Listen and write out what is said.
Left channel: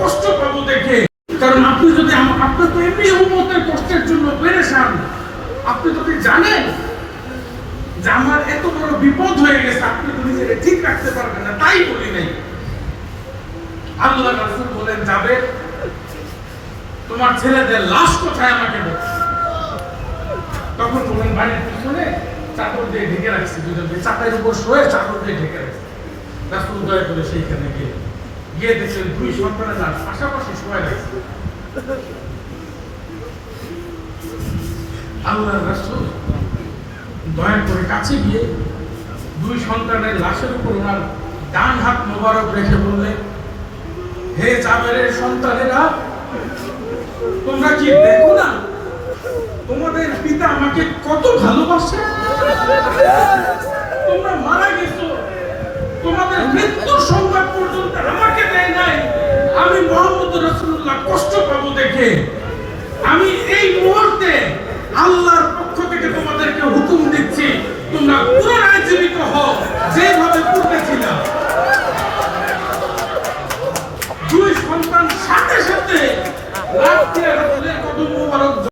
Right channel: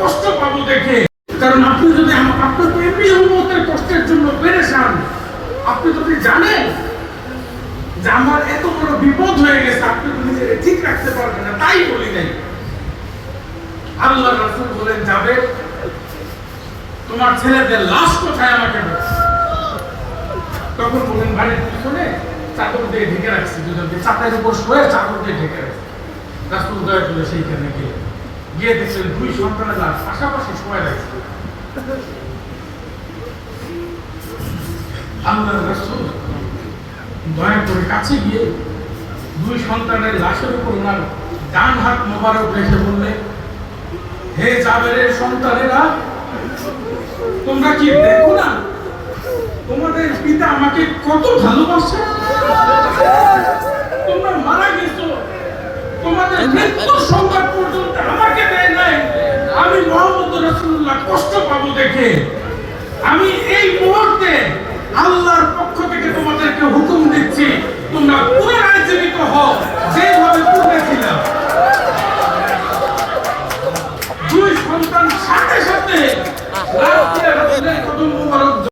কষ্ট পাবো দেখে। কারণ আপনি যদি আপনার তো এমনি উম্মতের কষ্টের জন্য পেরেশান, আপনি যদি জানেন যে আমার এত বড় বিপদ হয়ে গেছে, আপনি তো নিজেকে ঠিক রাখতে পারবেন না, তাই বলি নাই। আল্লাহ রাসূল বলেন, যাবে তোমার ছেলেদের লাশ কোথায় আমাকে বলো। তখন বলেন, বাড়ির পিছনে চাদর দিয়ে ঢেকে রাখছি, দুজনকে চাটাইয়ের উপর শুয়ে চাদর দিয়ে ঢেকে রাখছি। রাসূল দয়া করে সেইখানে গিয়ে দেখলেন দুই সন্তানের লাশ পাশাপাশি শুয়ে রাখছে। আল্লাহ রাসূল দয়া করে কাছে গিয়ে দুই সন্তানের লাশের উপর ওনার ডান হাত মোবারক রেখে বললেন, হে জাবেরের সন্তানেরা, তোমরা কি দেখো না তোমাদের পিতা আমাকে কত ভালোবাসে? তোমরা মারা গেছো, তোমাদের মৃত্যুর সংবাদ পর্যন্ত আমাকে দেয় নাই। আমি মুহাম্মদ রাসূলুল্লাহ কষ্ট পাবো দেখে আমি এই মুহূর্তে আল্লাহর পক্ষ থেকে তোমাদেরকে হুকুম দিচ্ছি,